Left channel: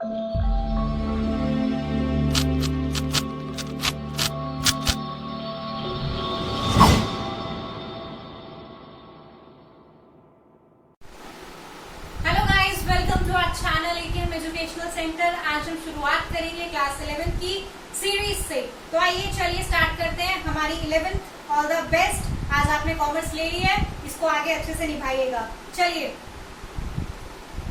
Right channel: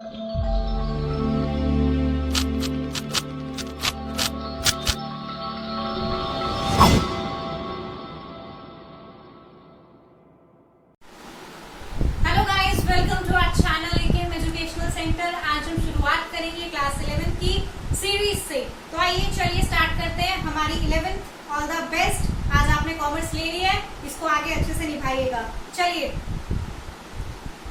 Centre. आज हम शुरुआत करेंगे क्लास 11 की सीरीज से। तो आइए चलिए स्टार्ट करते हैं हमारी 11th ऑल द बेस्ट। आज आपने कॉमर्स ले ली है, इसको आगे अच्छे से निभाइएगा। चलिए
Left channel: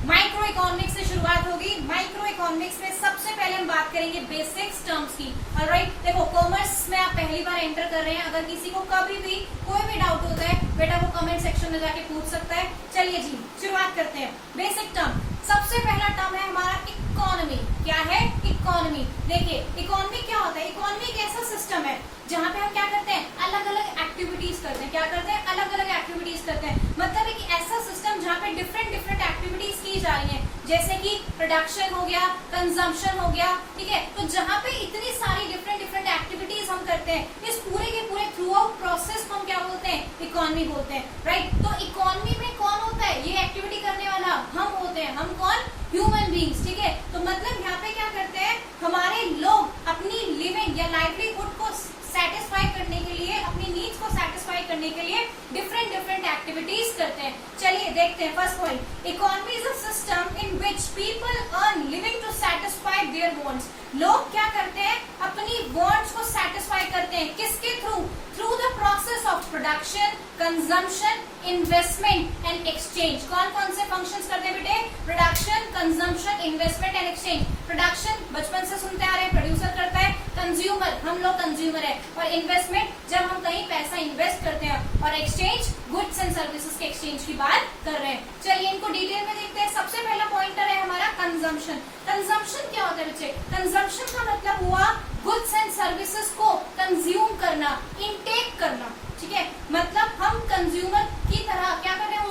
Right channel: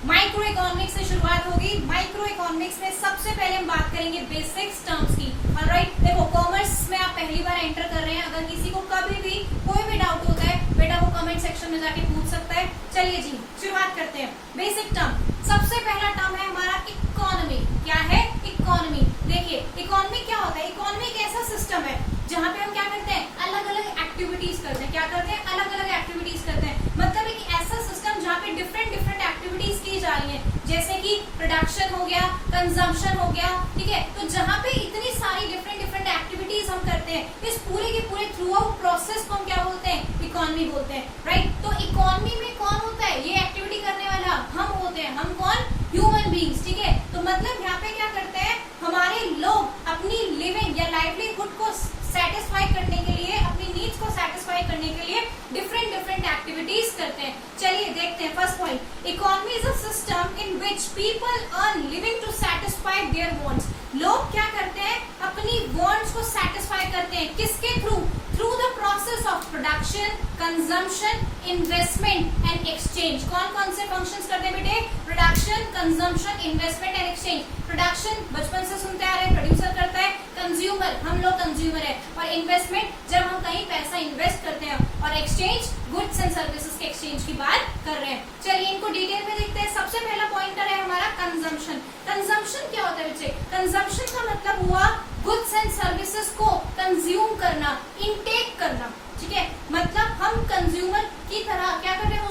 माइक्रो इकोनॉमिक्स से शुरुआत होगी। माइक्रो इकोनॉमिक्स में सबसे पहले हम बात करेंगे बेसिक्स टर्म्स की। ऑलराइट, देखो कॉमर्स में आप पहली बार एंटर कर रहे हैं, अगर किसी को कभी भी कोई भी डाउट होता है बेटा वो कमेंट सेक्शन में जाके पूछ सकता है। चलिए जी शुरुआत करते हैं। बेसिक टर्म, सबसे पहला टर्म है हमारा इकोनॉमी। क्या है? इकोनॉमी। देखिए इकोनॉमी क्या होता है? इकोनॉमी एक ऐसा सिस्टम है जहाँ पे हम क्या करते हैं, अलग अलग एक्टिविटीज करते हैं। क्या करते हैं? अलग अलग एक्टिविटीज करते हैं। मतलब एक ऐसा सिस्टम जहाँ पे डिफरेंट डिफरेंट एक्टिविटीज की जा रही हैं, जैसे कि प्रोडक्शन हो गया, कंजम्पशन हो गया, ठीक है। तो जहाँ पे इतनी सारी डिफरेंट डिफरेंट एक्टिविटीज हम करते हैं, इस पूरे के पूरे थ्रू आउट प्रोसेस को हम क्या बोलते हैं? इकोनॉमी बोलते हैं। राइट, तो इकोनॉमी में कौन होता है? ये एक्टिविटी करने वाला हम होते हैं। हम कौन? ह्यूमन बींग्स, ठीक है। तो मतलब यहाँ पे क्या करते हैं, हमारे लोग अपनी लिविंग या लाइवलीहुड को सेटिस्फाई करने के लिए, अपनी नीड्स को सेटिस्फाई करने के लिए डिफरेंट डिफरेंट एक्टिविटीज करते हैं। चलिए देखते हैं first point, economy is a system in which people earn living to satisfy their wants. लोग क्या करते हैं? अपनी वांट्स को सेटिस्फाई करते हैं। किसके through? Through the process of production, consumption, investment and exchange. कौन कौन से फंक्शंस करते हैं बेटे? Production, consumption, investment and exchange. Production बचपन से सुनते आ रहे हैं, प्रोड्यूसर करता है। कंज्यूमर, हम लोग कंज्यूमर है। और इन्वेस्टमेंट, जब हम कहीं पैसा इन्वेस्ट करते हैं। और एक्सचेंज, गुड्स एंड सर्विसेज के एक्सचेंज की बात कर रहे हैं। चलिए इनको डिटेल में देखते हैं। सबसे पहला पॉइंटर है हमारा कंजम्पशन। कंजम्पशन क्या होता है बच्चे? कंजम्पशन का मतलब हुआ गुड्स एंड सर्विसेज को कंज्यूम करना, इनटेक करना, ठीक है। मतलब हम कंज्यूमर की तरह क्या कर रहे हैं,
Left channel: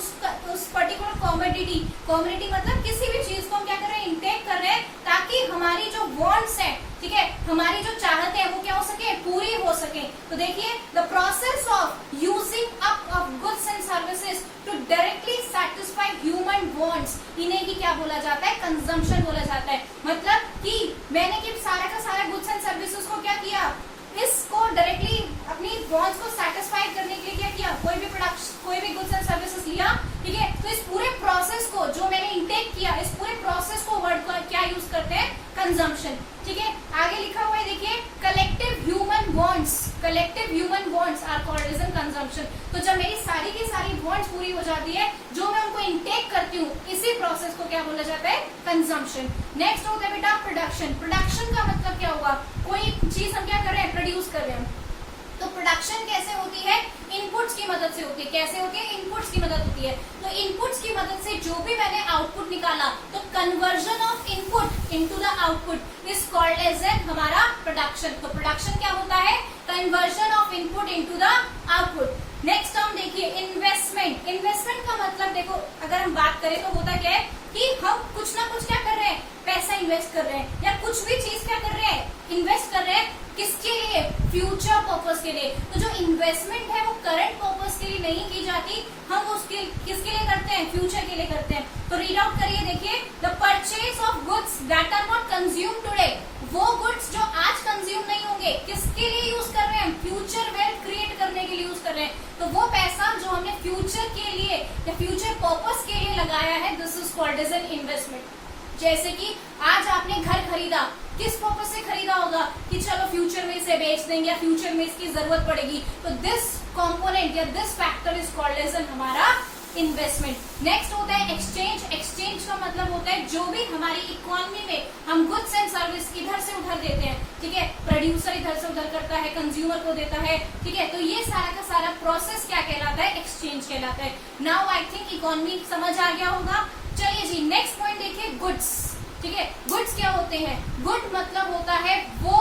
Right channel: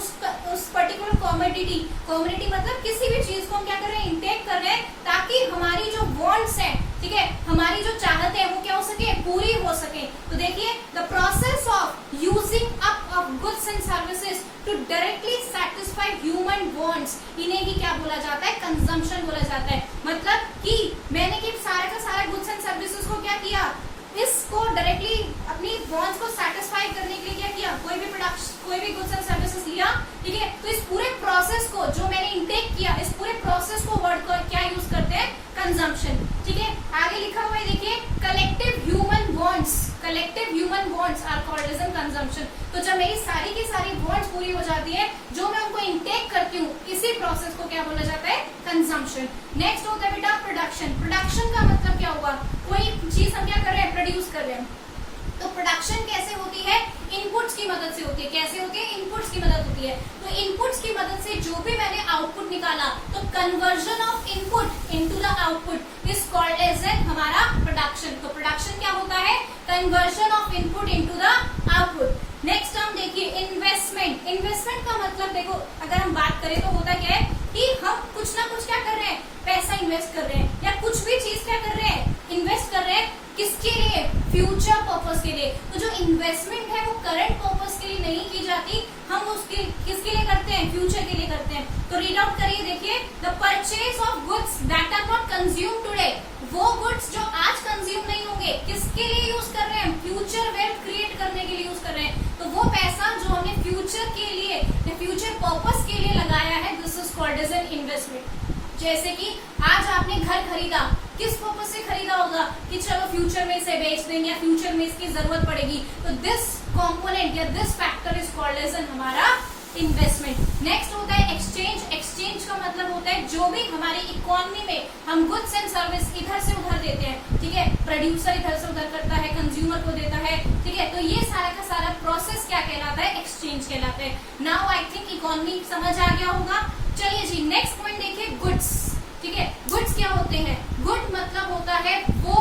उस पर्टिकुलर कॉमोडिटी मतलब किसी भी चीज को हम क्या कर रहे हैं? इनटेक कर रहे हैं, ताकि हमारी जो वांट्स है, ठीक है, हमारी जो चाहते हैं वो क्या हो सके? पूरी हो सके। तो देखिए the process of using up of goods and services to directly satisfy human wants, इन्हें ही क्या बोला जाता है? कंजम्पशन बोला जाता है। मतलब कि मैंने कि सारा का सारा गुड्स एंड सर्विसेज को क्या किया, इसको डायरेक्टली अपनी वांट्स को सेटिस्फाई करने के लिए क्या किया, कोई भी प्रोडक्ट, कोई भी गुड्स एंड सर्विसेज लिया, ठीक है। तो इस पूरे प्रोसेस को जो मैंने इंटेक किया, इस पूरे प्रोसेस को वर्ड को क्या यूज करते हैं? कंजम्पशन, ठीक है। आगे लिखा हुआ है देखिए, collective human wants, collective human wants are called as consumption. तो जब मेरी सारी की सारी वांट्स पूरी हो जाती है, जो मैं उनको इंटेक करती हूँ, इसी प्रोसेस को क्या बोला जाता है? कंजम्पशन। नेक्स्ट होता है बेटा प्रोडक्शन। प्रोडक्शन का मतलब क्या होगा? कोई चीज हम क्या कर रहे हैं? प्रोड्यूस कर रहे हैं। तो प्रोडक्शन कैसे होती है? इनपुट्स की मदद से होती है। कैसे होती है? इनपुट्स की मदद होती है। तो इनपुट्स की मदद से जो भी मैंने आउटपुट निकाला, तो conversion of input into the output is called as an हमारा प्रोडक्शन। तो प्रोडक्शन क्या होता है? Conversion of input into the output. Next term देखिए इन्वेस्टमेंट। इन्वेस्टमेंट का मतलब देखो, अगर हम बात करें तो होता क्या है कि हम कुछ ना कुछ क्या कर रहे हैं? पैसा इन्वेस्ट कर रहे हैं, या कुछ भी चीज क्या कर रहे हैं? इन्वेस्ट कर रहे हैं। किसके लिए? फ्यूचर पर्पस के लिए। तो जो इन्वेस्टमेंट है वो करंट पर्पस के लिए नहीं की जाती, हम उसके किसके लिए करते हैं? फ्यूचर के लिए करते हैं। तो रीड आउट करिए देखिए, the purchase of goods that are not consume today. वो गुड्स जो आज कंज्यूम नहीं होंगे, किसके लिए यूज कर रहे हैं? फ्यूचर वेल्थ क्रिएट करने के लिए यूज कर रहे हैं। तो वो पैसा जो हमने फ्यूचर के लिए या फ्यूचर पर्पस के लिए लगाया है, this is called as an investment. जैसे कि आज आपने घर खरीदा, किस पर्पस से खरीदा होगा? कि चलो फ्यूचर में इसे बेच देंगे या फ्यूचर में इसकी जरूरत पड़ेगी। तो दिस कंपोनेंट या this factor is called as an हमारा इन्वेस्टमेंट। नेक्स्ट होता है एक्सचेंज। एक्सचेंज का मतलब होता है जो भी हमारी इकोनॉमी में हम गुड्स एंड सर्विस इधर से उधर देते हैं, ठीक है। प्रोड्यूसर इधर से उधर करता है, कंज्यूमर को देता है, ठीक है। तो ये सारा का सारा प्रोसेस क्या कहलाता है? एक्सचेंज कहलाता है। नाउ आई थिंक इकोनॉमी समझ आ गया होगा। चलिए जी नेक्स्ट पॉइंट देखिए, गुड्स, ठीक है। गुड्स क्या होते हैं? गुड मतलब होता है वो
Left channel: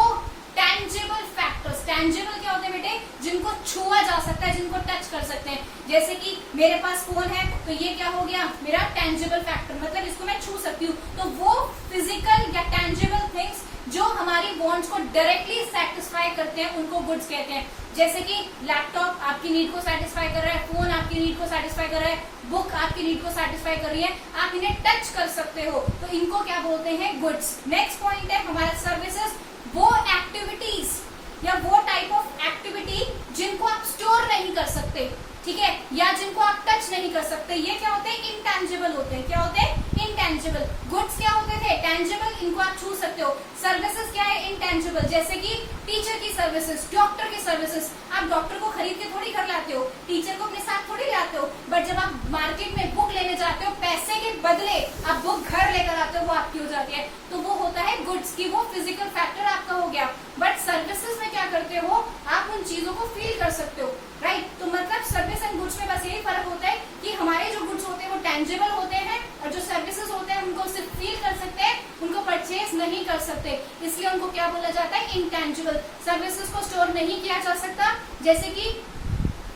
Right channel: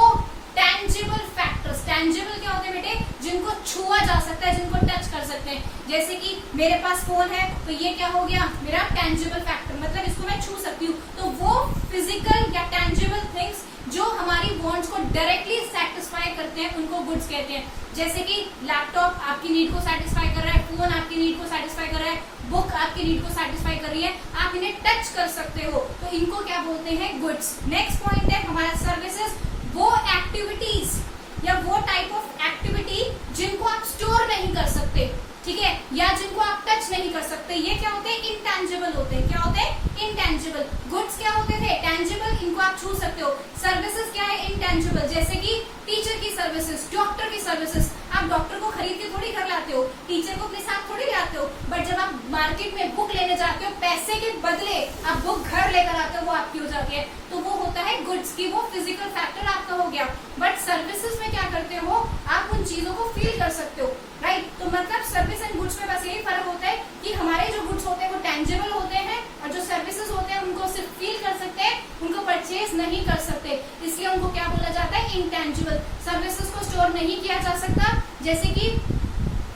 टैंजिबल फैक्टर्स। टैंजिबल क्या होते हैं बेटे? जिनको छुआ जा सकता है, जिनको टच कर सकते हैं। जैसे कि मेरे पास फोन है, तो ये क्या हो गया? मेरा टैंजिबल फैक्टर, मतलब इसको मैं छू सकती हूँ। तो वो फिजिकल या टैंजिबल थिंग्स जो हमारी वांट्स को डायरेक्टली सेटिस्फाई करते हैं, उनको गुड्स कहते हैं। जैसे कि लैपटॉप आपकी नीड को सेटिस्फाई कर रहा है, फोन आपकी नीड को सेटिस्फाई कर रहा है, बुक आपकी नीड को सेटिस्फाई कर रही है, आप इन्हें टच कर सकते हो, तो इनको क्या बोलते हैं, गुड्स। नेक्स्ट पॉइंट है हमारा सर्विसेज, वो एक्टिविटीज या वो टाइप ऑफ एक्टिविटी जिनको आप स्टोर नहीं कर सकते, ठीक है, या जिनको आप टच नहीं कर सकते, ये क्या होते हैं, इंटेंजिबल होते हैं। क्या होते हैं, इंटेंजिबल। गुड्स क्या होते थे, टेंजिबल, इनको आप छू सकते हो। सर्विसेज क्या है, इंटेंजिबल, जैसे कि टीचर की सर्विसेज, डॉक्टर की सर्विसेज। आप डॉक्टर को खरीद के थोड़ी घर लाते हो, टीचर को अपने साथ थोड़ी लाते हो, बट जब आप मार्केट में बुक लेने जाते हो, पैसे के बदले आप बुक घर लेकर आते हो, वो आपकी हो जाती है, तो वो होता है गुड्स की, वो फिजिकल फैक्टर आपका हो गया। बट सर्विसेज में क्या करते हो, आप उन चीजों को फील कर सकते हो, राइट। तो मतलब सर्विस एंड गुड्स में बस यही फर्क होता है कि हमारे जो गुड्स होते हैं वो टेंजिबल होते हैं, और जो सर्विसेज होते हैं उनको सिर्फ फील कर सकते हैं, उनको परचेज नहीं कर सकते, इसलिए उनको क्या बोला जाता है, इंटेंजिबल। सर्विसेज को स्टोर नहीं किया जा सकता, जैसे कि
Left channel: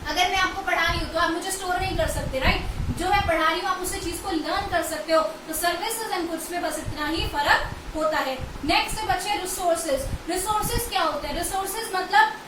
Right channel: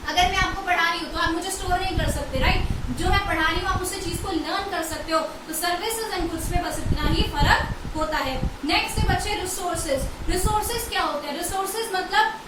अगर मैं आपको पढ़ा रही हूँ तो आप मुझे स्टोर नहीं कर सकते, राइट। जो मैं पढ़ा रही हूँ आप उस चीज को लर्न कर सकते हो, तो सर्विसेज एंड गुड्स में बस इतना ही फर्क होता है। नेक्स्ट है बच्चे रिसोर्सेज। रिसोर्सेज क्या होते हैं, रिसोर्सेज मतलब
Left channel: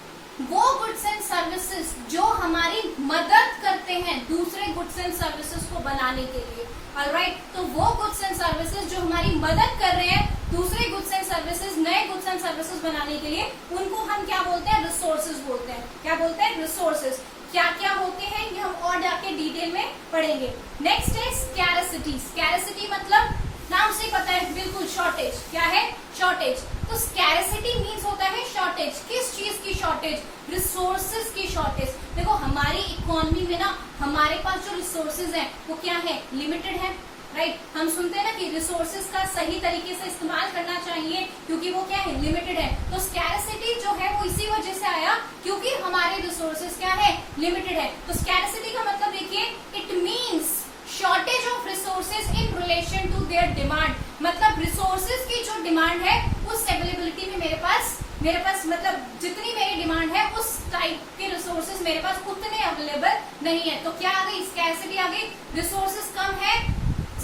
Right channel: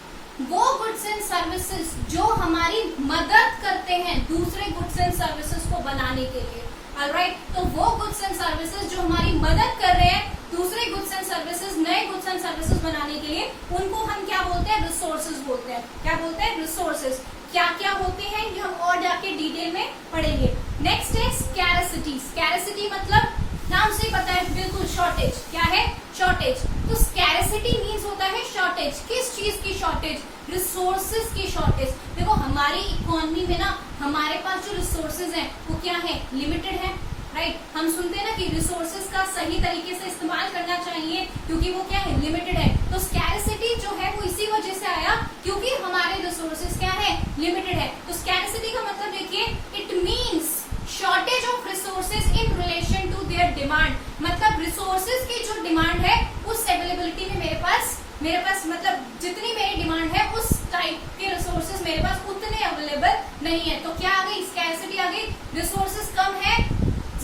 वो गुड्स एंड सर्विसेज जो हमारी मदद करते हैं दूसरे गुड्स एंड सर्विसेज को बनाने के लिए, ऑलराइट। तो वो गुड्स एंड सर्विसेज जो हमारी मदद कर रहे हैं दूसरे गुड्स एंड सर्विसेज, नए गुड्स एंड सर्विसेज बनाने के लिए, उनको हम क्या बोलते हैं, रिसोर्सेज बोलते हैं। क्या बोलते हैं, रिसोर्सेज। क्या क्या होते हैं ये हम और जाके डिटेल में पढ़ेंगे। नेक्स्ट है स्कैरसिटी। स्कैरसिटी मतलब नाम से पता है, बिल्कुल शॉर्टेज। क्या है, शॉर्टेज। तो स्कैरसिटी मीन्स होता है शॉर्टेज। किस चीज की शॉर्टेज, रिसोर्सेज की शॉर्टेज। देखो हमारी इकोनॉमी में ना हमारे पास जो रिसोर्सेज हैं वो क्या है, लिमिटेड है, राइट। हम सुनते हैं ना कि रिसोर्सेज का सही तरीके से इस्तेमाल करना चाहिए क्योंकि वो क्या है, लिमिटेड है। तो स्कैरसिटी जो है वो इसी वजह से आया क्योंकि हमारे रिसोर्सेज क्या है, लिमिटेड है। तो स्कैरसिटी का मतलब देखिए, it means shortage of resources in relation to their demand. मतलब रिसोर्सेज की जो डिमांड है उस अवेलेबिलिटी में मेरे पास मतलब जितनी मेरी डिमांड है उस टाइप के रिसोर्सेज मेरे पास उतने अवेलेबल नहीं है। तो क्या आ गई, स्कैरसिटी आ गई। रिसोर्सेज कम है,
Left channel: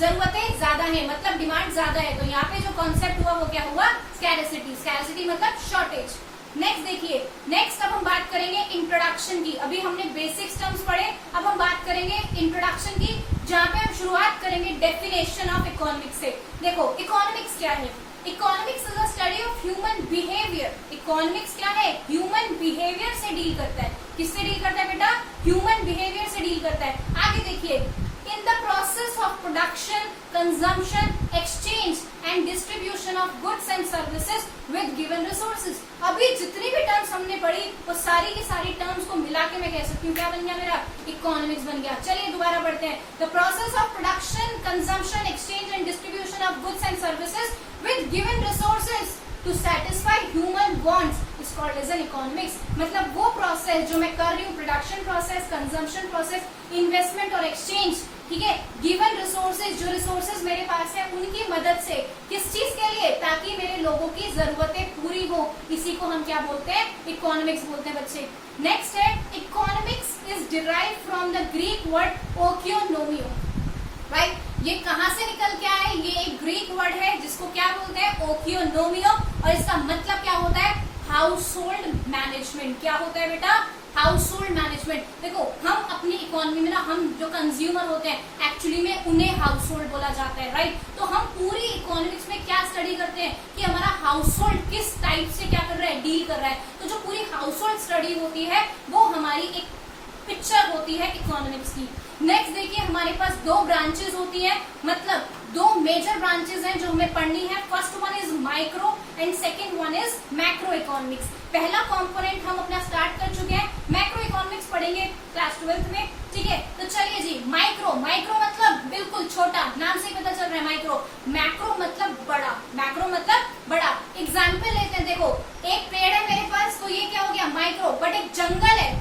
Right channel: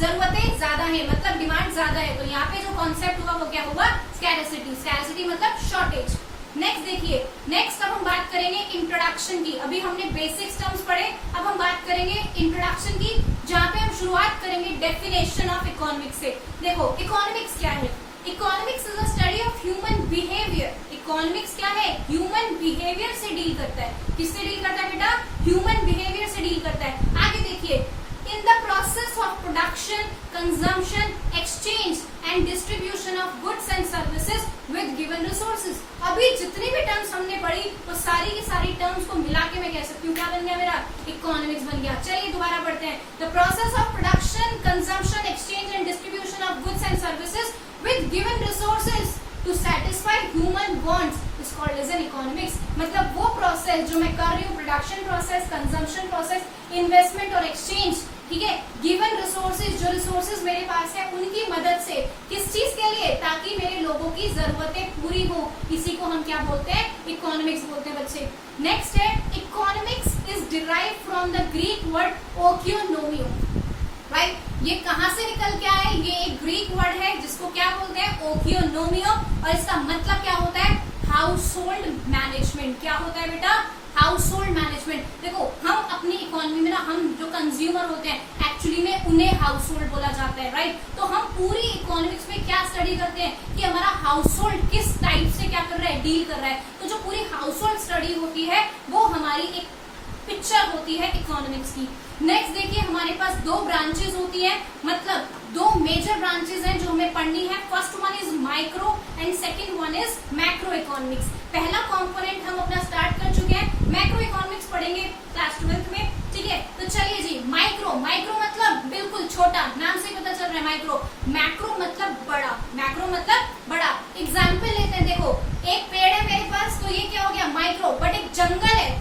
जरूरतें ज्यादा है, मतलब डिमांड ज्यादा है। तो यहाँ पे जो कॉन्सेप्ट हुआ वो क्या हुआ, स्कैरसिटी। स्कैरसिटी मतलब शॉर्टेज। नेक्स्ट देखिए, नेक्स्ट अब हम बात करेंगे इंट्रोडक्शन की। अभी हमने बेसिक्स टर्म्स पढ़े, अब हम बात करेंगे इंट्रोडक्शन की, जहाँ पे हम शुरुआत करेंगे डेफिनेशन ऑफ इकोनॉमिक्स से। देखो इकोनॉमिक्स क्या है, economics is a study of human behaviour. Economics क्या है, ह्यूमन बिहेवियर से डील करता है। किससे डील करता है बेटा, ह्यूमन बिहेवियर से डील करता है। आगे देखिए, in the process of production, consumption, exchange and distribution of goods and services with given resources. अभी जितनी भी टर्म्स हमने पढ़ी वो सारी की सारी टर्म्स को मिला के मैं कह सकती हूँ क्या बन गया मेरा, इकोनॉमिक्स बन गया। चलिए दोबारा पढ़ते हैं। The process of production, consumption, exchange and distribution of goods and services with given resources to satisfy human wants is called as an economics। मतलब वो प्रोसेस जो मैं कर रही हूँ, production process, consumption process, investment और एक्सचेंज, ठीक है, गिवन रिसोर्सेज, जो रिसोर्सेज मेरे पास है उनकी मदद से, किस चीज के लिए, ताकि मेरे लोगों की जरूरतें पूरी हो, इसी को हम क्या बोलते हैं, इकोनॉमिक्स बोलते हैं बच्चे। नेक्स्ट है, economics is derived from the Greek word oikonomia, right. ये कहाँ से निकल के आया, ये एक ग्रीक वर्ड है जिसको क्या बोलते हैं, ओकियोनोमियो, और इसका मतलब क्या होता है, हाउस होल्ड मैनेजमेंट। क्या होता है बेटा, हाउस होल्ड मैनेजमेंट। देखो हम अपनी इकोनॉमी में ना, हम जो कंज्यूमर होते हैं एक्चुअली में उन्हें हाउस होल्ड बोला जाता है, राइट। तो हम पूरी इकोनॉमिक्स में क्या स्टडी करते हैं कि हमारा हाउस होल्ड किस टाइप से क्या कर रहा है, डील कर रहा है। तो जो पूरी हाउस होल्ड स्टडी होती है वो हमारी एक पिक्चर होती है इकोनॉमिक्स की। नेक्स्ट देखिए, हमारे पास दो ब्रांचेस होती है, मतलब दो मेजर ब्रांचेस हैं जो हमें पढ़नी है। First one is micro and second one is macro economics. पहला कंपोनेंट हम अपना स्टार्ट कर चुके हैं, मैक्रो इकोनॉमिक्स पढ़ेंगे क्लास 12th में, ठीक है। तो चलिए जी, माइक्रो, माइक्रो मतलब बिल्कुल छोटा, नाम से पता चल रहा है माइक्रो। मैक्रो मतलब बड़ा, मैक्रो मतलब बड़ा। एग्जाम्पल लेते हैं, देखो एक पेड़ है मेरे पास, तो ये क्या हो गया, माइक्रो। बट एक जंगल है,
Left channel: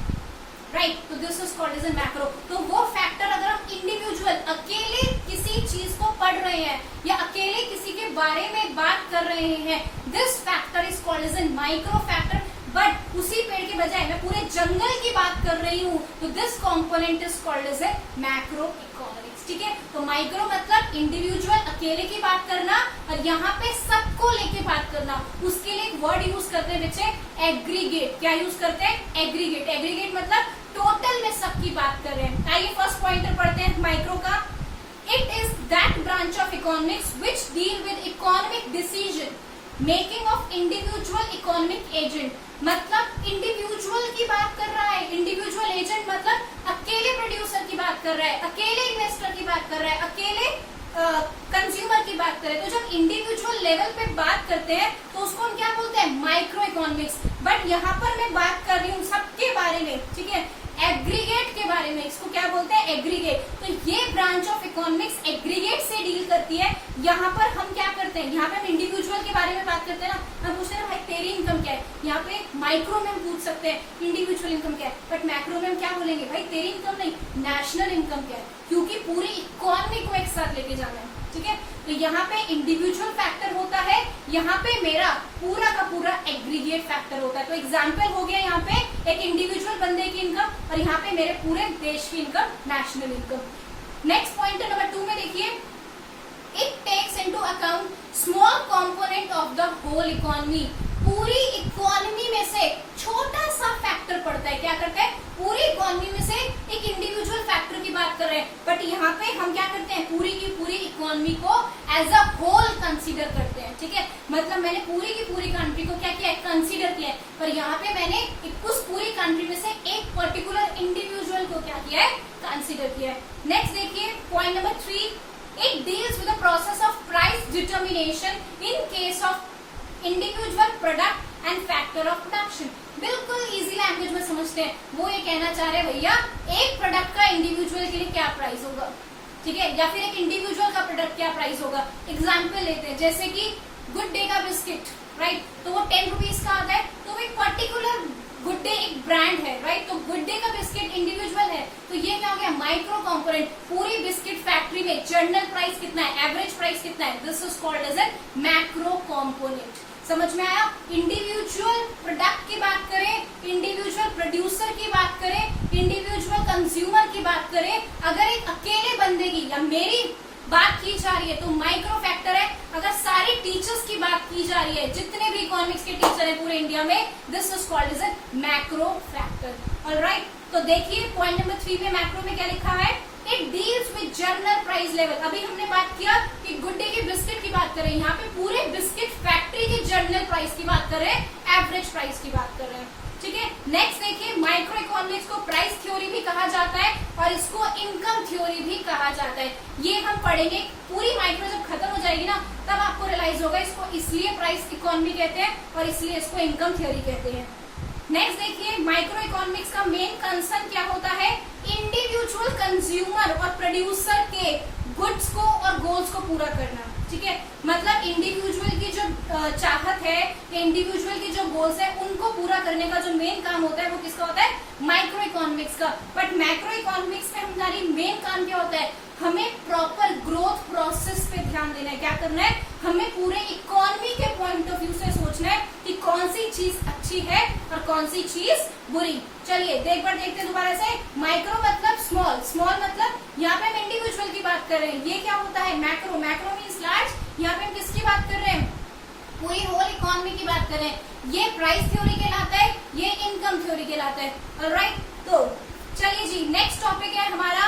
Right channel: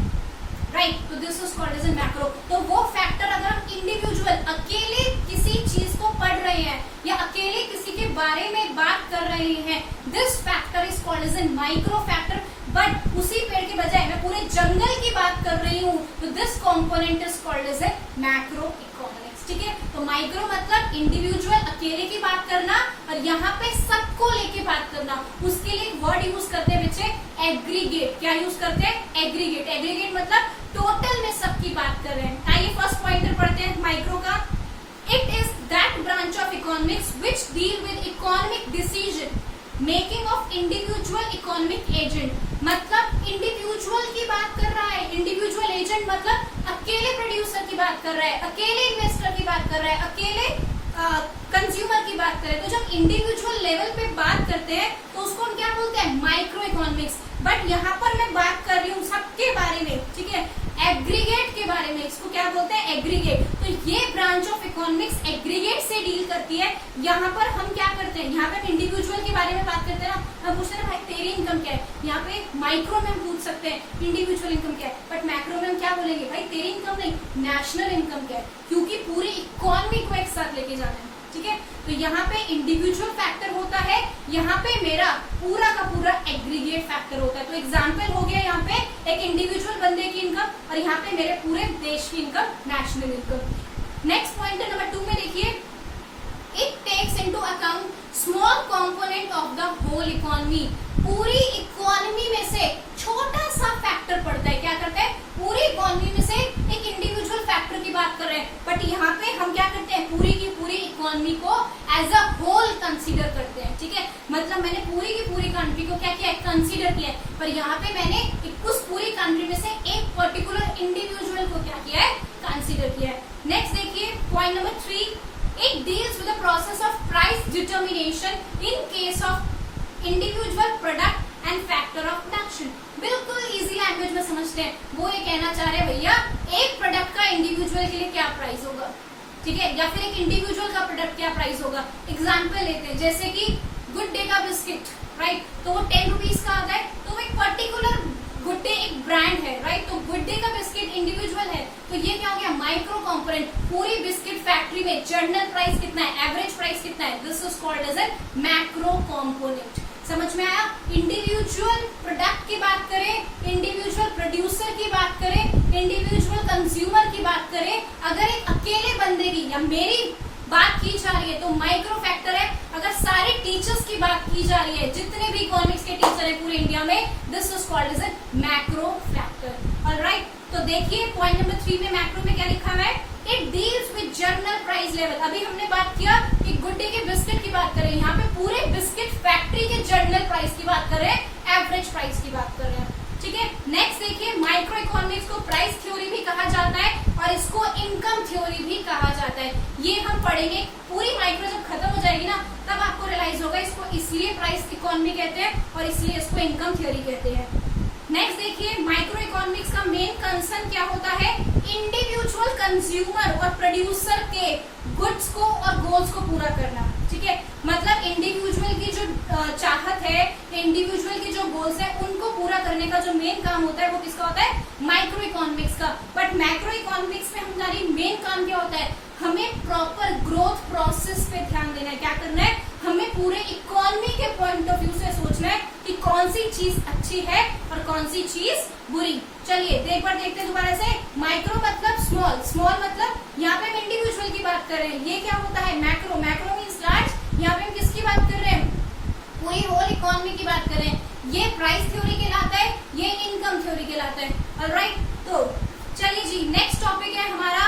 राइट, तो this is called as a macro. तो वो फैक्टर अगर हम इंडिविजुअल अकेले किसी चीज को पढ़ रहे हैं या अकेले किसी के बारे में बात कर रहे हैं, this factor is called as a micro factor. But उसी पेड़ के बजाय मैं पूरे जंगल की बात कर रही हूँ, तो this component is called as a macro economics, ठीक है। तो माइक्रो मतलब इंडिविजुअल अकेले की बात करना, और यहाँ पे सब सबको लेके बात करना, उसके लिए एक वर्ड यूज करते हैं बच्चे, एग्रीगेट। क्या यूज करते हैं? एग्रीगेट। एग्रीगेट मतलब टोटल में सबकी बात कर रहे हैं। आइए फर्स्ट पॉइंटर पढ़ते हैं माइक्रो का। It is that branch of economics which deal with economic decision making of individual economic agent. मतलब इंडिविजुअल की बात कर रहा है, इंडिविजुअल एजेंट मतलब अकेले प्रोड्यूसर की बात कर रहा है, अकेले इन्वेस्टर की बात कर रहा है, अकेले कंज्यूमर की बात करें। तो जब इंडिविजुअल लेवल पे बात करते हैं तो उसको हम क्या बोलते हैं? Micro economics. बट यहाँ पर मैं बात कर रही हूँ सबके बारे में, ठीक है, एग्रीगेट के बारे में। इसको क्या बोलते हैं? एग्रीगेट। तो ये ब्रांच ऑफ इकोनॉमिक्स एग्रीगेट से डील करती है। यहाँ पर हम क्या करते हैं? यहाँ पे हम इंडिविजुअल के बारे में बात करते हैं ना, हम पूछते हैं भाई तेरी इनकम क्या है। यहाँ पे माइक्रो में हम पूछ सकते हैं इंडिविजुअल इनकम क्या है, बट मैक्रो में हम क्या बोलेंगे? भाई तेरी इनकम नहीं, नेशनल इनकम क्या है, क्योंकि पूरी इकोनॉमी को एक साथ लेके जाना है, ठीक है। तो यहाँ पे इंडिविजुअल फैक्टर होता है, यहाँ पे मेरा पूरा का पूरा एग्रीगेट फैक्टर होता है। तो एग्जांपल हो गया यहाँ पे एक इंडिविजुअल बंदे की इनकम और यहाँ पे मेरे पूरे देश की income, national income. Next point number 2 में देखिए, it takes into account small component of the whole economy. पूरी इकोनॉमी में से छोटा सा फैक्टर पड़ता है। क्या करता है? पूरी इकोनॉमी में से एक इंडिविजुअल फैक्टर की बात कर रहे हैं, बट यहाँ पे हम क्या करते हैं? पूरी की पूरी इकोनॉमी को एज अ होल कंसीडर करते हैं, ठीक है। मतलब मैंने पूरी की पूरी कंट्री को क्या किया? कंसीडर किया है, पर यहाँ पे मैंने उस पूरी कंट्री में से एक पर्टिकुलर इंडिविजुअल को क्या किया है? कंसीडर किया है। नेक्स्ट देखिए point number 3, it deals with the process of price determination in case of individual product and factor of production. बिल्कुल इजी लैंग्वेज में समझते हैं। वो ये कहना चाह रहे हैं भैया एक प्रोडक्ट का इंडिविजुअल के लिए क्या प्राइस होगा, ठीक है, या फिर एक इंडिविजुअल का प्रोडक्ट क्या प्राइस होगा। एग्जाम्पल लेते हैं, जैसे कि गुड डे का बिस्किट, राइट, तो वो 10 रुपीज का आता है। तो एक पर्टिकुलर गुड डे एक ब्रांड है, राइट, तो गुड डे का बिस्किट इंडिविजुअल है, तो ये क्या हो गया? Micro component. पूरी बिस्किट फैक्ट्री में जनरल प्राइस कितना है, एवरेज प्राइस कितना है, this is called as a macro component. समझ में आया? इंडिविजुअल प्रोडक्ट की बात करें, इंडिविजुअल प्रोड्यूसर की बात करें, इंडिविजुअल कंज्यूमर की बात करें, अगर एक अकेले बंदे की या मेरी बात की जा रही है तो माइक्रो फैक्टर है। अगर सारे टीचर्स की बात की जा रही है, जितने भी इकोनॉमिक्स के टीचर हैं पूरे इंडिया में, this is called as a macro factor. Alright, तो देखिए पॉइंट नंबर 3 में मैक्रो में क्या लिखा है? It deals with journal price level. अभी हमने बात किया कि गुड डे के बिस्किट की बात करें, यहाँ पे पूरे बिस्किट फैक्ट्री के जर्नल प्राइस की बात कर रहे हैं, एवरेज प्राइस की बात कर रहे हैं, ठीक है। नेक्स्ट देखिए, माइक्रो इकोनॉमिक्स को प्राइस थ्योरी भी कहा जाता है और इसको इनकम थ्योरी भी कहा जाता है। ये हम पढ़ेंगे, पूरी माइक्रो जब खत्म हो जाएगी ना तब आपको रियलाइज होगा इसको इसलिए प्राइस इकोनॉमी कहते हैं और इसलिए इसको इनकम थ्योरी कहते हैं। नेक्स्ट देखिए, माइक्रो इकोनॉमिक्स का मेन कंसर्न क्या होता है? इंडिविजुअल कंज्यूमर और प्रोड्यूसर के गुड्स को और गोल्स को पूरा करना, ठीक है। मतलब इंडिविजुअल की जो चाहत है, इंडिविजुअल की जो गोल्स है, उनको पूरा करने का जो मेन काम होता है वो किसका होता है? माइक्रो इकोनॉमिक्स का। बट मैक्रो इकोनॉमिक्स में हमारी मेन काम क्या होता है? हमें प्रॉपर ग्रोथ प्रोसेस पे ध्यान देना है। क्या करना है? हमें पूरे इकोनॉमी के पॉइंट ऑफ व्यू से सोचना है कि कौन सी चीज अच्छी है और कौन सी चीज बुरी। चलिए एक बार देखते हैं दोबारा से। माइक्रो मतलब स्मॉल, स्मॉल मतलब यहाँ पे हम इंडिविजुअल की बात कर रहे हैं। ये क्या होता है? मैक्रो। Macro means large. यहाँ पे हम किसकी बात कर रहे हैं? पूरी होल इकोनॉमी की बात कर रहे हैं। ये प्राइस थ्योरी कहलाता है, ये इनकम थ्योरी कहलाता है। ऑलराइट, तो चलिए जी, नेक्स्ट टॉपिक है हमारा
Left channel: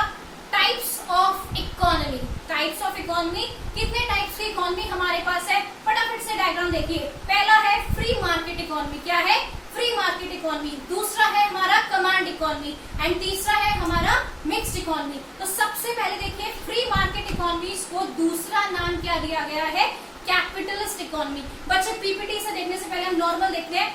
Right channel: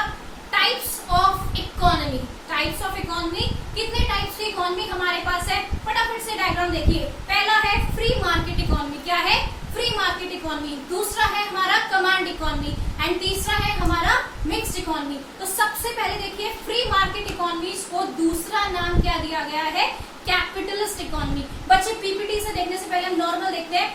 types of economy. Types of economy, कितने टाइप्स की इकोनॉमी हमारे पास है? फटाफट से डायग्राम देखिए। पहला है फ्री मार्केट इकोनॉमी। क्या है? Free market economy. दूसरा है हमारा कमांड इकोनॉमी एंड तीसरा है हमारा मिक्स्ड इकोनॉमी। तो सबसे पहले देखिए, फ्री मार्केट इकोनॉमी को दूसरा नाम क्या दिया गया है? Capitalist economy. बच्चे पीपीटी से देखने से पहले हम नॉर्मल देखते हैं।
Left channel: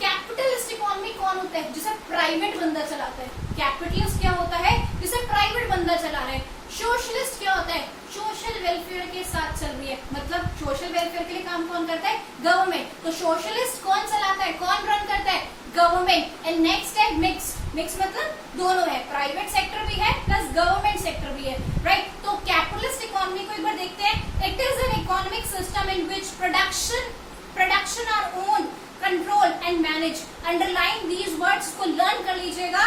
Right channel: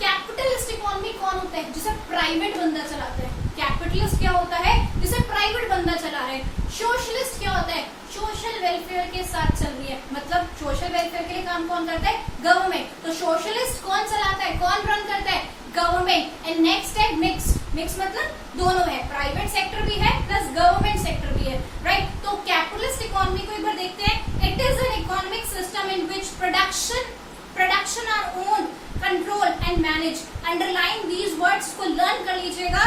कैपिटलिस्ट इकोनॉमी कौन होता है? जिसे प्राइवेट बंदा चलाता है। कैपिटलिस्ट क्या होता है? जिसे प्राइवेट बंदा चला रहा है। सोशलिस्ट क्या होता है? सोशल वेलफेयर के साथ चल रही है, मतलब सोशल वेलफेयर के लिए काम कौन करता है? गवर्नमेंट। तो सोशलिस्ट कौन चलाता है, कौन रन करता है? गवर्नमेंट। एंड नेक्स्ट है मिक्स्ड। मिक्स मतलब दोनों है, प्राइवेट सेक्टर भी है प्लस गवर्नमेंट सेक्टर भी है, राइट। तो कैपिटलिस्ट इकोनॉमी को एक बार देखते हैं। It is an economic system in which production our own, control and manage. Underline these words को लर्न कर लीजिएगा।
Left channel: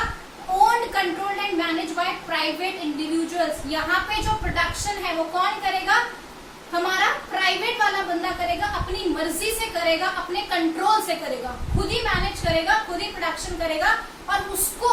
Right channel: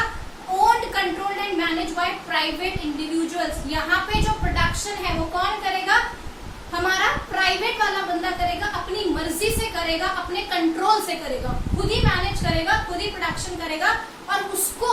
Owned, controlled and manage by private individuals. यहाँ पे जो प्रोडक्शन है वो कौन करेगा? हमारा प्राइवेट वाला बंदा करेगा अपनी करेगा अपने कंट्रोल से करेगा, खुद ही मैनेज करेगा, खुद ही प्रोडक्शन करेगा और उसको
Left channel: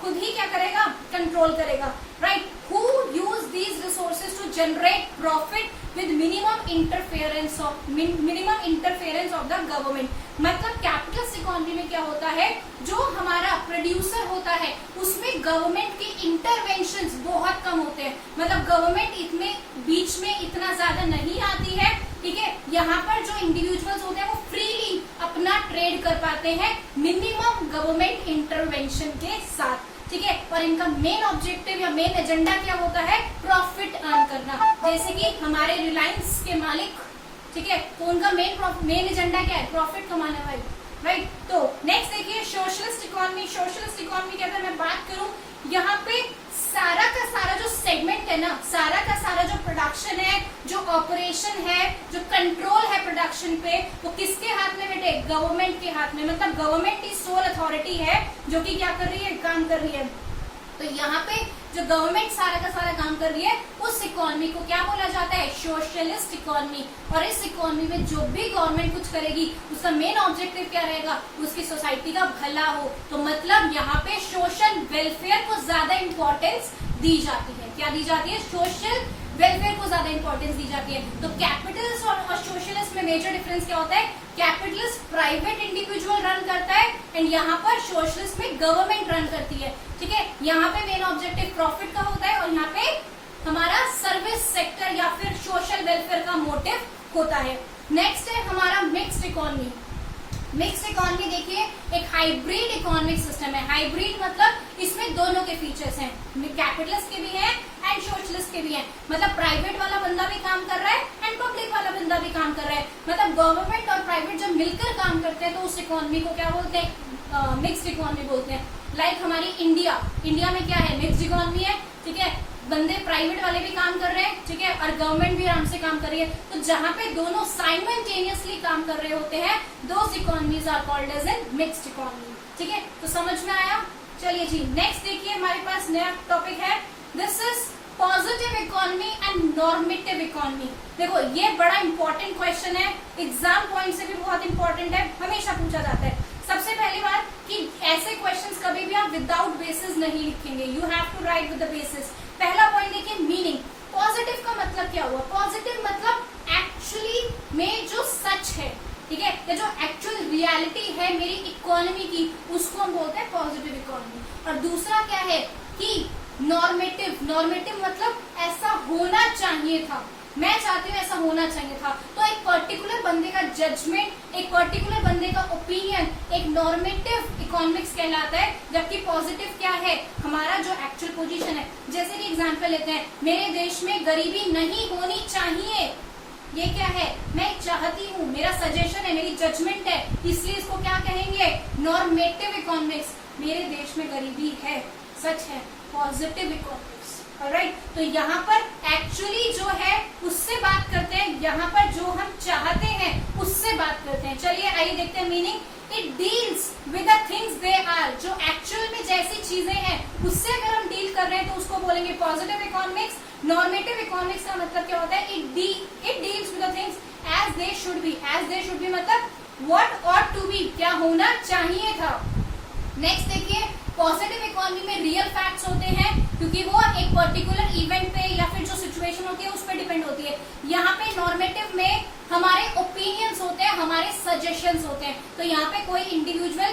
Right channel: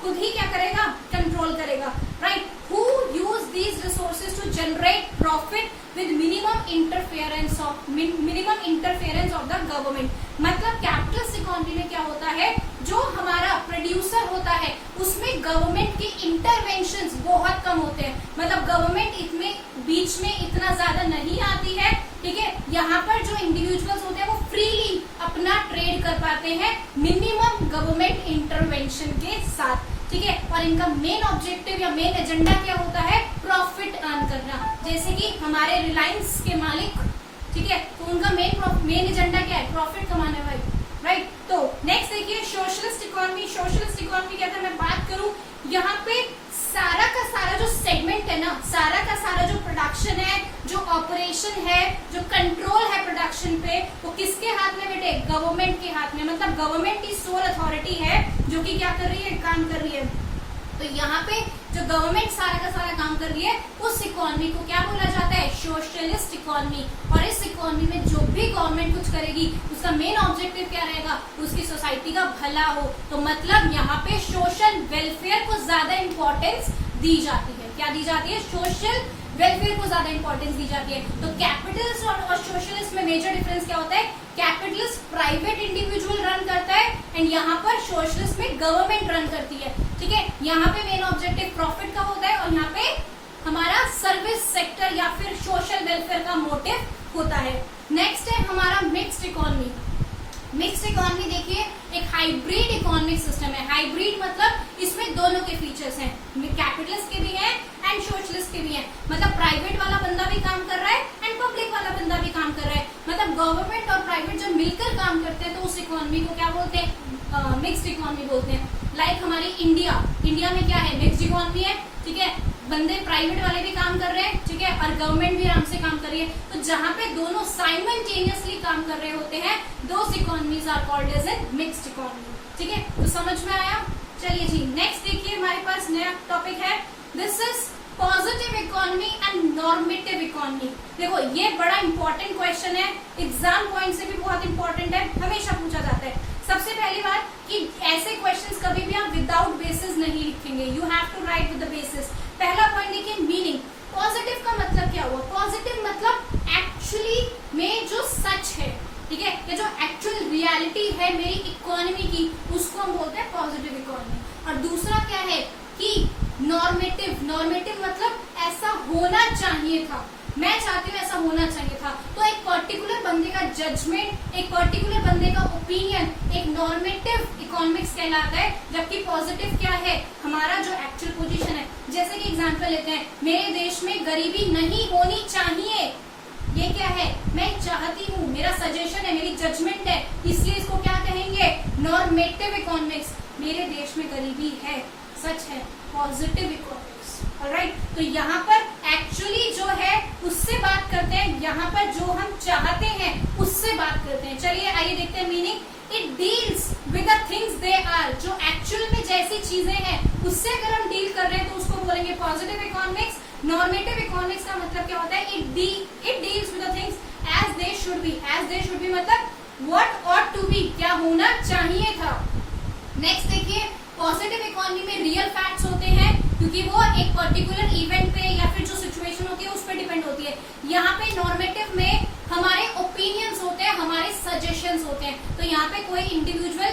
खुद ही क्या करेगा, कंट्रोल करेगा, right. Who use these resources to generate profit with minimum interference of the government. मतलब कैपिटलिस्ट इकोनॉमी में क्या होता है, जो हमारा प्रोड्यूसर होता है उसमें गवर्नमेंट के इंटरवेंशंस बहुत कम होते हैं, मतलब गवर्नमेंट इतने बीच में इतना ज्यादा नहीं आती है, ठीक है। यहाँ पर जो इंडिविजुअल्स होते हैं वो फ्रीली अपना ट्रेड कर पाते हैं मिनिमम गवर्नमेंट इंटरवेंशन के साथ, ठीक है। और इनका मेन ऑब्जेक्टिव या मेन एजेंडा क्या होता है, प्रॉफिट अर्न करना। जैसे कि हमारे रिलायंस के मालिक, ठीक है, तो उनका मेन एजेंडा क्या है, प्रॉफिट कमाना भाई, राइट। तो नेक्स्ट देखिए सोशलिस्ट इकोनॉमी। सोशलिस्ट इकोनॉमी क्या था, मैं बात करूं यहाँ पे सारा का सारा जो सेगमेंट है ना, सारा का सारा जो प्रोडक्शन है, जो ऑपरेशन है, जो कंट्रोल है प्रोडक्शन पे, वो किसके हाथ में बेटे, गवर्नमेंट के हाथ में। मतलब गवर्नमेंट की सोल अथॉरिटी है जो कि क्या कर रही है, काम कर रही है। तो यहाँ पे जो गवर्नमेंट सारा का सारा काम कर रही है उस इकोनॉमी को क्या बोला जाता है, सोशलिस्ट इकोनॉमी। और इस इकोनॉमी में जो भी गवर्नमेंट कुछ करेगी उसका मेन ऑब्जेक्टिव क्या रहेगा, उसकी सोसाइटी का भला हो। तो मतलब यहाँ पे सोशल वेलफेयर को ज्यादा इंपॉर्टेंस दी जाती है। क्या दी जाती है, सोशल वेलफेयर को ज्यादा इंपॉर्टेंस दी जाती है। तो कैपिटलिस्ट और सोशलिस्ट में मेजर डिफरेंस क्या होता है, कैपिटलिस्ट प्राइवेट इंडिविजुअल रन करता है एंड यहाँ पर सोशलिस्ट में गवर्नमेंट रन करती है, ठीक है। यहाँ पे मेन ऑब्जेक्टिव प्रॉफिट का होता है और यहाँ पे हमारा सर्विस सेक्टर या फिर सोशल वेलफेयर का मोटिव होता है। नेक्स्ट है हमारा मिक्स्ड इकोनॉमी। मिक्स्ड इकोनॉमी देखिए एक हाइब्रिड इकोनॉमिक सिस्टम है। हाइब्रिड मतलब इसमें दोनों के फीचर्स हैं, कैपिटलिस्ट के भी हैं एंड सोशलिस्ट के भी हैं। मतलब प्राइवेट वाला बंदा भी काम कर रहा है एंड पब्लिक वाला बंदा भी काम कर रहा है। मतलब गवर्नमेंट और प्राइवेट जब मिलकर काम करते हैं तो उस इकोनॉमी को क्या बोलते हैं, मिक्स्ड इकोनॉमी बोलते हैं। लाइक हमारी इंडिया में क्या है, मिक्स्ड इकोनॉमी है, ठीक है। बंदे प्राइवेट वाले भी काम कर रहे हैं, ठीक है, और गवर्नमेंट भी आराम से काम कर रही है। तो जहां पे दोनों साइमल्टेनियसली काम कर रहे होते हैं, those economies are called as an mixed economy, ठीक है। तो समझ में आया। चलिए जी नेक्स्ट देखिए हमारे पास नया टॉपिक है, this is positive economy and normative economy. देखो ये बड़ा इंपॉर्टेंट क्वेश्चन है, एग्जाम पॉइंट से भी बहुत इंपॉर्टेंट है, हमेशा पूछा जाता है। सबसे पहली बात कि ऐसे क्वेश्चंस कभी भी आप विदाउट बेसिस नहीं लिखेंगे, you have to write with the basis. पहला पॉइंट देखिए मीनिंग। पॉजिटिव का मतलब क्या हुआ, पॉजिटिव मतलब एक्चुअली में जो सच है, ठीक है, या जो एक्चुअल रियलिटी है मेरी इकोनॉमी की, उसको हम बोलते हैं पॉजिटिव इकोनॉमी। और दूसरा क्या है कि नॉर्मेटिव। नॉर्मेटिव मतलब ऐसा होना चाहिए था, मैं चाहती हूँ ऐसा होना चाहिए था। तो एक पर्टिकुलर बंदे का जजमेंट, एक पर्टिकुलर बंदे का ओपिनियन एक नॉर्मेटिव इकोनॉमिक्स कहलाता है। जबकि पॉजिटिव क्या है, हमारा जो एक्चुअल पोजीशन है। जैसे कि एग्जांपल लेते हैं, मेरे देश में गरीबी नहीं होनी चाहिए, ये क्या है, मैं चाहती हूँ, मेरा सजेशन है, मेरी जजमेंट है, इसलिए इसको क्या कहेंगे, नॉर्मेटिव इकोनॉमिक्स। मेरे देश में गरीबी है, सच है, पॉजिटिव इकोनॉमिक्स, ऑलराइट। तो यहाँ पर एक्चुअली जो है उससे बात करते हैं, यहाँ पर जो हम चाहते हैं उससे बात करते हैं। चलिए आइए देखते हैं meaning. It deals with the things they are, जो एक्चुअल में जैसी चीजें हैं उससे अगर हम डील कर रहे हैं तो उसको बोलेंगे पॉजिटिव इकोनॉमिक्स। नॉर्मेटिव इकोनॉमिक्स का मतलब क्या होता है, it deals with the things as they should be. As they should be मतलब व्हाट ऑट टू बी, क्या होना चाहिए था। नेक्स्ट देखिए, पॉजिटिव इकोनॉमी में रियल फैक्ट्स होते हैं क्योंकि वो एक पर्टिकुलर इवेंट पे या फिर जो सिचुएशन होती है उस पर डिपेंड होती है। यहाँ पे नॉर्मेटिव में हमारे ओपिनियंस होते हैं, हमारे सजेशंस होते हैं। तो यहाँ पे कोई इंडिविजुअल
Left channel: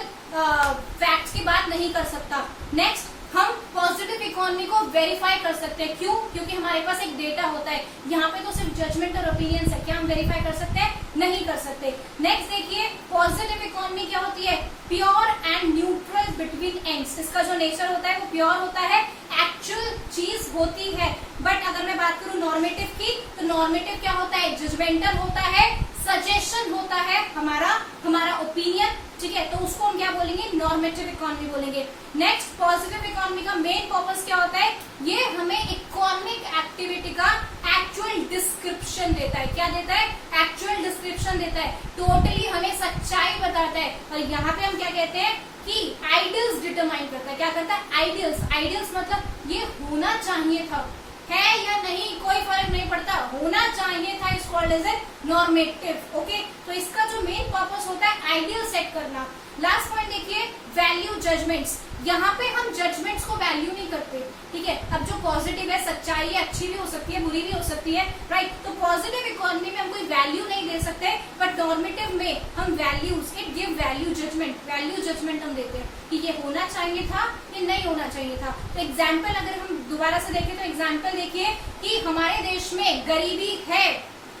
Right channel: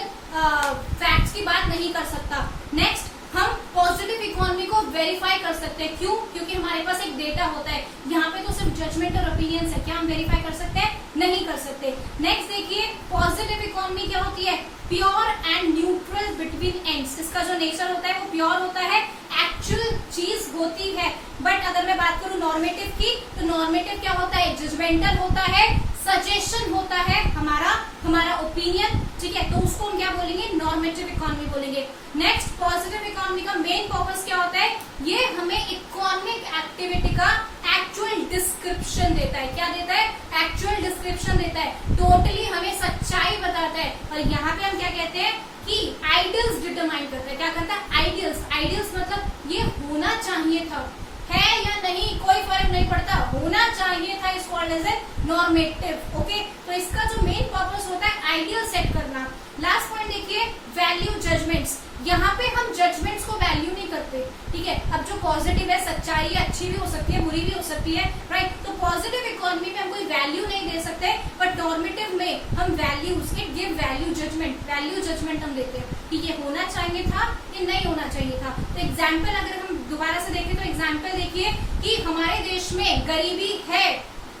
फैक्ट्स की बात नहीं कर सकता। नेक्स्ट, हम पॉजिटिव इकोनॉमी को वेरीफाई कर सकते हैं। क्यों? क्योंकि हमारे पास एक डेटा होता है। यहाँ पे तो सिर्फ जजमेंट और ओपिनियंस है, क्या हम वेरीफाई कर सकते हैं? नहीं कर सकते। नेक्स्ट देखिए, पॉजिटिव इकोनॉमी क्या होती है, pure and neutral between ends. इसका जो नेचर होता है वो प्योर होता है, एक्चुअल चीज होती है। बट अगर मैं बात करूं नॉर्मेटिव की, तो नॉर्मेटिव क्या होता है, जजमेंटल होता है, सजेशन होता है, हमारा ओपिनियन, ठीक है। तो उसको हम क्या बोलेंगे, नॉर्मेटिव इकोनॉमी बोलेंगे। नेक्स्ट, पॉजिटिव इकोनॉमी का मेन पर्पस क्या होता है, ये हमें इकोनॉमिक एक्टिविटी का एक्चुअल डिस्क्रिप्शन देता है। क्या देता है? एक्चुअल डिस्क्रिप्शन देता है, टोटली हमें सच्चाई बताता है। और यहाँ पे हम क्या कहते हैं कि आइडियल्स डिटरमाइन करता है। क्या करता है? आइडियल्स मतलब ये होना चाहिए था, है या नहीं कोई फर्क नहीं पड़ता, होना चाहिए था, is called as a normative. Okay, तो इसका जो मेन जजमेंट्स। यहाँ पे हम जजमेंट्स को वैल्यू नहीं करते, ठीक है। अब जो पॉजिटिव है, सच्चाई है, अच्छी भी हो सकती है, बुरी भी हो सकती है, राइट। तो पॉजिटिव इकोनॉमी में हम कोई वैल्यू नहीं दे सकते, बट नॉर्मेटिव में हम वैल्यू, उसके गिव वैल्यू जजमेंट हम देते हैं कि ये होना चाहिए था, ये नहीं होना चाहिए था। तो एग्जाम्पल अगर हम दोबारा से देखें तो एग्जाम्पल देखिए कि हमारे देश में गरीबी है,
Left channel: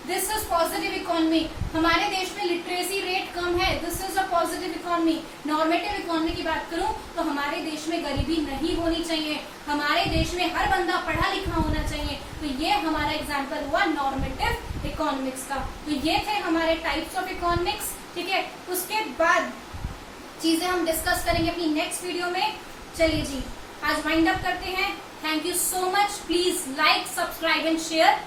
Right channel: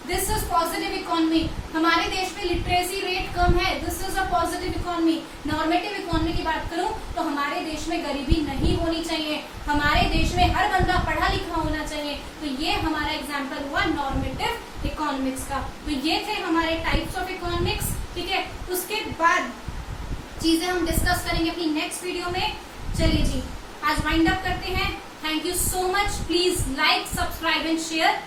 दिस इज पॉजिटिव इकोनॉमी। हमारे देश में लिटरेसी रेट कम है, this is a positive economy. Normative economy की बात करूं तो हमारे देश में गरीबी नहीं होनी चाहिए, हमारे देश में हर बंदा पढ़ा लिखा होना चाहिए। तो ये हमारा एग्जाम्पल हुआ नॉर्मेटिव इकोनॉमिक्स का। तो ये थे हमारे टाइप्स ऑफ इकोनॉमिक्स, ठीक है। उसके बाद चीजें हम डिस्कस करेंगे अपनी नेक्स्ट वीडियो में। चलिए जी, आज वाइंड अप करते हैं। Thank you so much. Please like, subscribe and share.